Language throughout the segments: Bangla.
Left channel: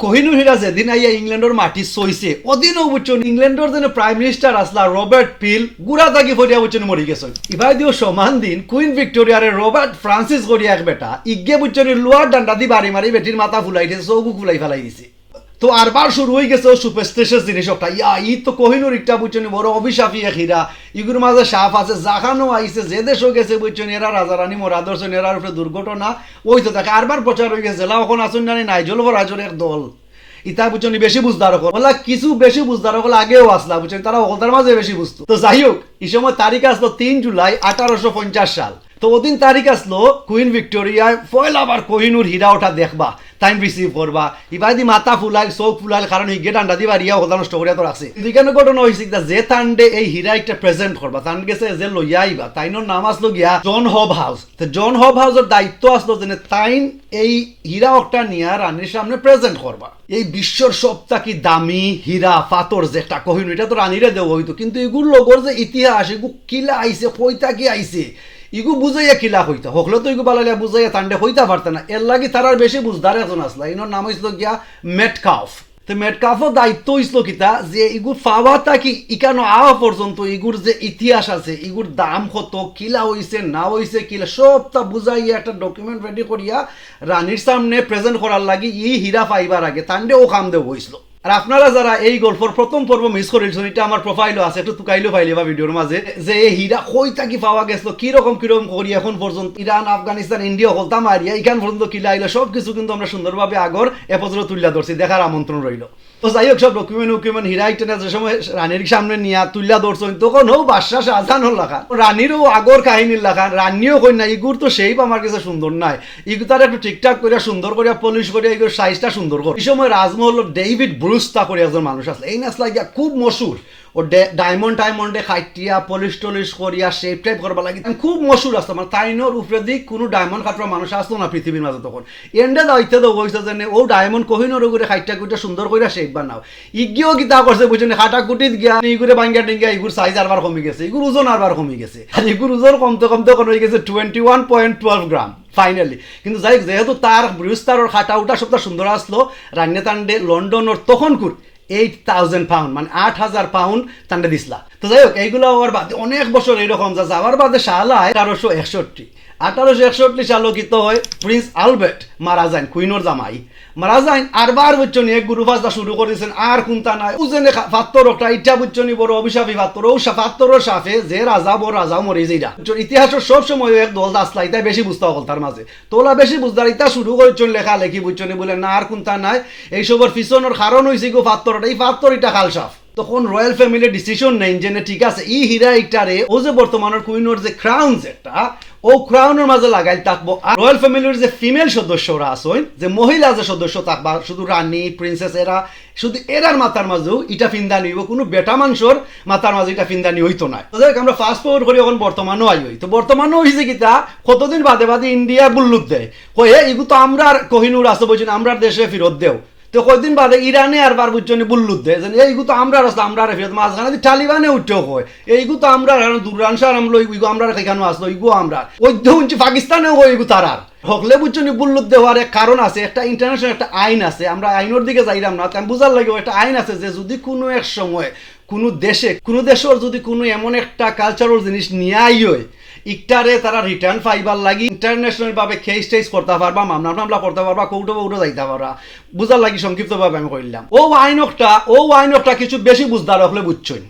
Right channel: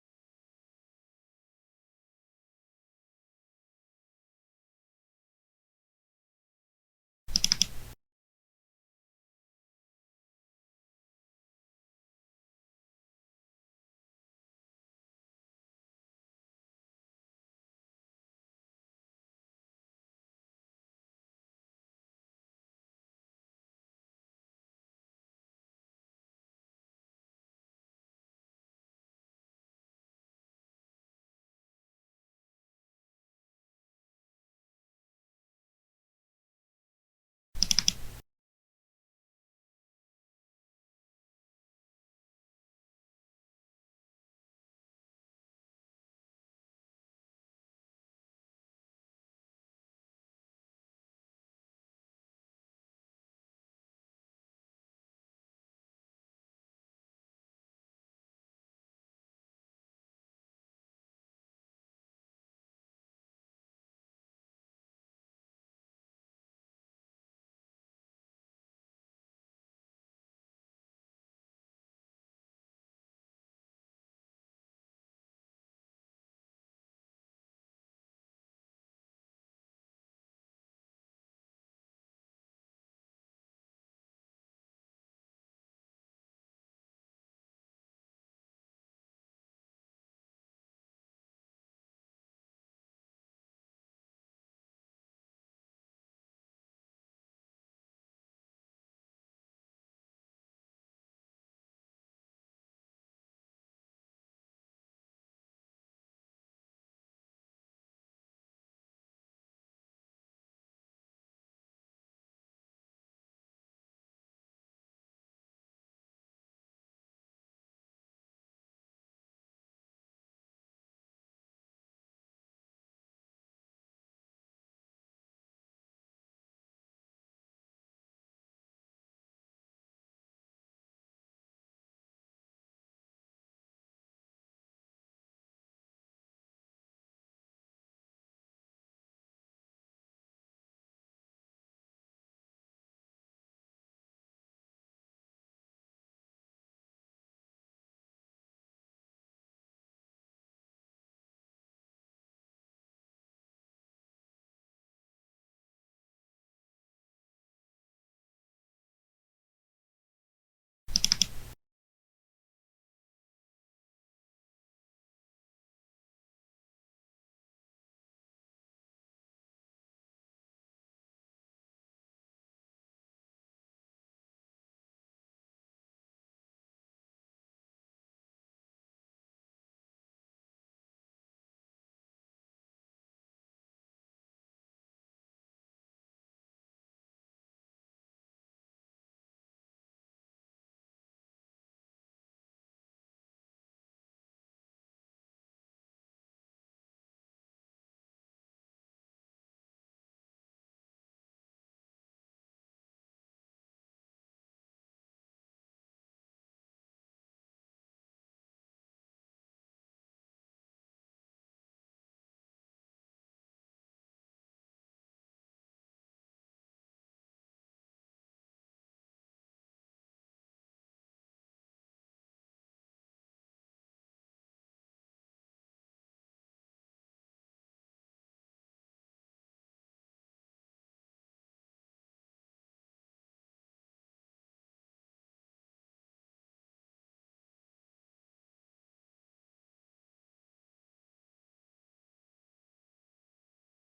কোহিনুর হীরা যেদিন আইয়া ইংল্যান্ডের মাটি সইছে ওদিনও বুঝছেন ইংল্যান্ডের যেন প্রাইম মিনিস্টার আসলা রবার্ট পিল গুড়া থাকি ফরিয়া বুঝছেন মরি গেছে ইভাই দিও সমান দিন কুইন ভিক্টোরিয়ারে রবার্ট ফ্রান্সিস করিয়া এক বেটা ইগে বুঝছেন লোয়ার ডান্ডা দি বাড়ি মারি বেটির মাথা ফুলাই দিয়েছে চৌকু ফুলাই ফেলাই দিছে তো আরবার শুরু হয়ে গেছে সুপারস্টিশিয়াস জিনিস একটা ই তো কোহিনুর একটা বুঝছেন বড় অভিশাপী এক হীরা ইগুর মাঝে সাপ আছে জাখানো আইছে যে দেশও গেছে বুঝছেন এরা রাজারানী মোরা দর্শন এরার উপরে দুর্ঘটনা ওই তো তাকে আরবার প্রচার হয়ে গেছে এখন আসুন না নাইজল ভরাজর এক দল ইতা বুঝছেন বেশি বুঝদার হল বলা কিছু বেশি বুঝদার হল আগেও আসলা বুঝছেন তারা ওখানটার মাঝে বেশি বুঝতো তো যাই হোক এই সময় তারিখ আসলো 3 জুলাই 1850 সাল তো ওদিন তারিখ আসলো কুইন ভিক্টোরিয়ায় পয়লা আবার কোহিনুর হীরা ওঠা দেখবা টাইম রিসিভ করবা ইবাদি মাথা ফুলাইল চোখ ফুলাইল কারণ হিগে ডান্ডা দিবা রিয়া হতা নষ্ট করিয়া তো রাখছে দুইখানে ঘটনা হয়েছে যে তান্ডে এই হীরা একটা প্রেজেন্ট করবা তান গেছে যে লইয়া আইবা তাইনোর নাম আসলো গিয়া জন হব হাউস তো জন হব হাউসের দায়িত্ব আসলো যে তাইন এই হীরা একটা নিয়া রানীর সামনে প্রেজেন্ট করবা এই বিশ্বর সবথেকে দামি হীরা পাথর যে একটা কোহিনুর এটা তো রানীরে দেওয়া হইতো কিন্তু এগুলো লোকের যে ইতিহাস এগুলো কিলা আইছে কইতা কি আইছে ইগু বুঝাইয়া কিলা হইতা হকলে তো ইগু বালাইয়া বুঝাইয়া তান্ডে হইতা পারতে না এর লাগি তারার বেশি বুঝদার এখন আসলা ইনোর নাম হইছিল গিয়া মেটকাফ তো মেটকাফও দায়িত্ব হইছিল কিতা যে ইগুর পাওয়াটা কি ইকানো আওয়া পর্যন্ত ইগুর যে ইতিহাস আছে ইগুর দাম কত কিলা হইছে না হইছে কিলা সবটা বুঝাইয়া একটা ডকুমেন্ট রেডি করিয়া রানীর সামনে প্রেজেন্ট করার লাগি ই হীরা পাইবার আগে তান্ডে ও কাম দেব হইছিল আর আপনারা যারা এই গল্পের প্রথম পর্ব মিস করেছেন এটা আমার প্রোফাইলও আছে একটু তুকাইলো ফাইলে বা ভিডিওর মাঝে যে এই হীরা কই থাকি পাওয়া গেছিল কিরকম করি এখন পর্যন্ত ইরান আফগানিস্তান ইন্ডিয়া হলতা মারিয়া এখান পর্যন্ত কিলা আইলো সব কিছু কিন্তু আমরা সুন্দরভাবে আগর এপত্র তুলিয়া ধরছি দেখার আমন্ত্রণ রইল তো যাই হোক সব ডকুমেন্ট হীরা ইটেনা যে সময় রানীর সামনে নিয়া তুলিয়া ধরছেন তখন হোক বাদশাহ শাহজাহান লেখা রানীরও আগর কাহিনীর লেখা রানীও কই না ইগুর তো সেই আমার কাছে সুন্দর নাই ইগু তার একটু ঠিকঠাক করিয়া সুন্দর করিয়া পলিশ করিয়া ইগুর সাইজটা সুন্দর করে এই সময় রাজমহল ডেভিড ব্রুস্তা করে একজন মানুষ আসলে এই নাচলা গিয়া খুব মশুর ও ডায়মন্ডে খাইটিয়া পলিশ টলিশ করিয়া শেপ টাইপ করবা লাগে খুব মশুর আসতো মানে তাইনোর উপরে দিক কোনো ডায়মন্ড খাটরা মানুষ আসতো না পৃথিবীর মাঝে তখন এন্ডে দাইতে তো হয়েছে যে ও ডায়মন্ড কোহিনোর উপরে খাইটা কুইটা সুন্দর করিয়া শেপ বানাও ইগিও গীতা করছে বুঝছেন খাটা কুটিত গিয়া ইগুরে বাঙ্গা টিঙ্গা ইগুর সাইজ আরবার কমে গেছে ইগুর ওজন আরবার কমে গেছে আর ইগুর ওজন কমতে হয়ে গেছে 21.12 গ্রাম ফাইনালি কিন্তু যাই যেহেতু তার বৃহস্তার খাটা উঠা সবটা সুন্দর আসলো রান্নে তান্ডে লন্ডনের তখন 8,000 পাউন্ড মানে 8,000 পাউন্ড তান্ডে দিসলা তো যাই হোক এইগুলো আবার বাদে অনেক বছর এইরকম যা যাওয়ার বাদে সালায় 1861 সালও কিত হয় প্রিন্স আলবার্ট মারা যান কুইনোর জামাই মারা যান আরবার বুঝছনি এক গুরু ফাজদা শুরু করে দিয়েছেন আর কোনটা নাই উজেনে ফাত্তর একটা ইটা বুঝছনি বড় অভিশাপী ফাত্তর ও ফাত্তরের সাফে যে রাজা বড় রাজাও মরে যাইরা ইতিহাসের সব সময় এক দল আসলা ইটা বেশি বুঝতে হল তার মাঝে তোলা বেশি বুঝদার ইটা শুরু করেছেন লেখা লেখি বুঝছনি বলে না আর কোনটা নাই এইসবের পিছনের কারণ হয়েছে গো ফাত্তরটা এই ফাত্তর ইটা খাল সাফ তখন রয়্যাল ফ্যামিলির ডিসিশন নেই যে ঠিক আছে ই হীরা ইটারে ও যে বর্তমানের কুইনোর যে ক্রাউন যেটা ও ক্রাউনের মাঝে লাগাই থাকবো আর রয়্যাল ফ্যামিলির যে ফিমেল সদস্যরা আসেন যে মহিলা যে সদস্য থাকবা শুধু রানী প্রিন্সেস এরা শুধু এরার মাথার মাঝেও ইটা ফিন্দানি হইব কোনো বেটা মানুষের মাথার মাঝে এটা ফিন্দানি হইতো না আমরা ফাস্ট ফরওয়ার্ড করি এখন বর্তমানও আই হই তো বর্তমানও হয়েছে কিতা কতদিন বাদে ইন্ডিয়া বুল্লুক দেয় কয়ে এগু তো আমরা কোহিনুর আসতে বলছেন আমরা দেশে ফেরত দেও তো কয়দিন বাদে ইরানে আর বার বুঝছনি বুল্লুদ দেয় এইগু তো আমরা আসলো আমরা ফেরত মাঝখানে টালিবানে উঠেও হয় এইগু তো আমরা দুরানসার আমলো ইগু আমরা এখানে আসলো ইগু আমরা ওই পাকিস্তানেও হয় ইগু তারার হকলে বুঝছনি বুল্লুদ দেওয়ার এক কারণ আছে একটা ইন্টারন্যাশনাল একটা আইন আছে আমরা আইনের দিকে যাইলাম না আমি বুঝার লাগে একটা আইন আছে যে যদি কোনো এক সময় কোনো দেশের যদি কোনো এমন একটা কালচারাল জিনিস নিয়ে আই হয় ইকটারে তারা রিটার্ন পাইবার লাগি ইন্টারন্যাশনাল ভাবে কেস টেস করতে পারবা মামলা করতে পারবা কৌটো যাইতে পারবা বুঝার লাগি সংক্ষিপ্তভাবে আমি কইলাম ও আইনকটা কিছু বেশি বুঝদার হলে বুঝছই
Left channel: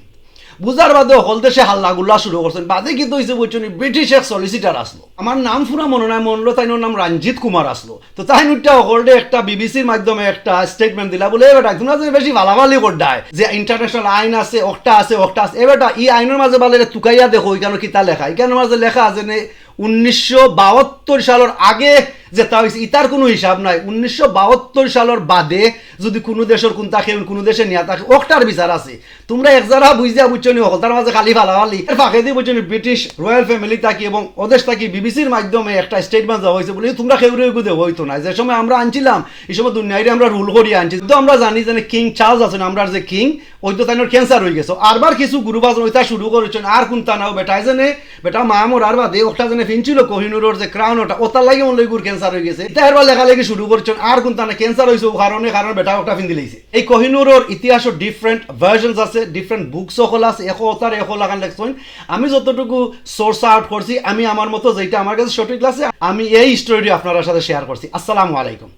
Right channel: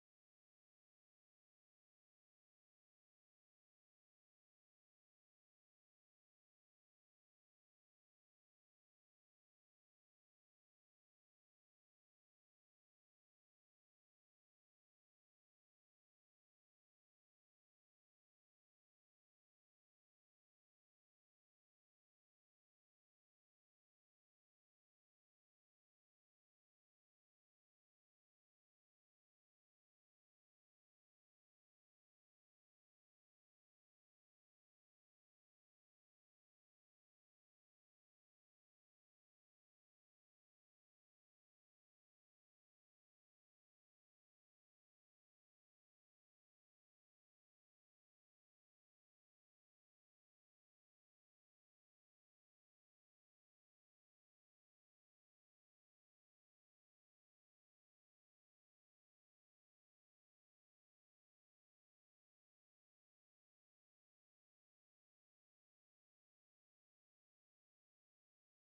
বুঝার বাদে হল দেশে হাল্লা গুল্লা শুরু করছেন বাদে কিন্তু হয়েছে বুঝছেন ব্রিটিশ এক সলিসিটার আসলো আমার নাম পুরা মনে নাই মনলো তাইনোর নাম রঞ্জিত কুমার আসলো তো তাই নুটটা হলডে একটা বিবিসির মাধ্যমে একটা স্টেটমেন্ট দিলা বলে এবার তোমরা যে বেশি ভালাভালি করডায় যে ইন্টারন্যাশনাল আইন আছে ওটা আছে এবার ই আইনের মাঝে বলে তুকাইয়া দেখো ওইখানে কিতা লেখা এখানের মাঝে লেখা আছে 1972 সালের আগে যেটা হয়েছে ইতার কোনো হিসাব নাই 1972 সালের বাদে যদি কোনো দেশের কোন থাকে কোনো দেশে নিয়ে থাকে ওটার বিচার আছে তোমরা এক যারা বুঝিয়া বুঝছনি হল তার মাঝে খালি ফালাফালি এর ফাঁকে দিয়ে বুঝছনি ব্রিটিশ রয়্যাল ফ্যামিলি থাকি এবং ওদেশ থাকি বিবিসির মাধ্যমে একটা স্টেটমেন্ট দেওয়া হয়েছে বলে তোমরা খেউরে গুদে হইতো না যে সময় আমরা আনছিলাম এই সময় দুনিয়ায় আমরা রুল করিয়ে আনছি তো আমরা জানি যে কিং চার্লস আছেন আমরা যে কিং ওই তো তাই ক্যান্সার হয়ে গেছে আরবার কিছু গুরুবাজ ওইটা শুরু করেছেন আর কোনটা নাও বেটা মা মরার বাদে ওটা জেনে ফিনছিল কোহিনুরের যে ক্রাউন ওটা লাগে মনে গুর ক্যান্সার হয়ে গেছে তার লেখালেখি শুরু করছেন আর কোন তানে ক্যান্সার হয়েছে কারণে বেটা একটা ফিন দিলেছে এই কোহিনুরের ইতিহাসের ডিফারেন্ট ভার্সনস আছে ডিফারেন্ট বুকস সকল আছে এখো তার এখো লাগান লেখছেন আমি যতটুকু সোর্স আউট করছি আমি আমার মতো যেটা আমার কাছে সঠিক আছে আমি এই স্টোরি আপনার সাথে শেয়ার করছি আসসালামু আলাইকুম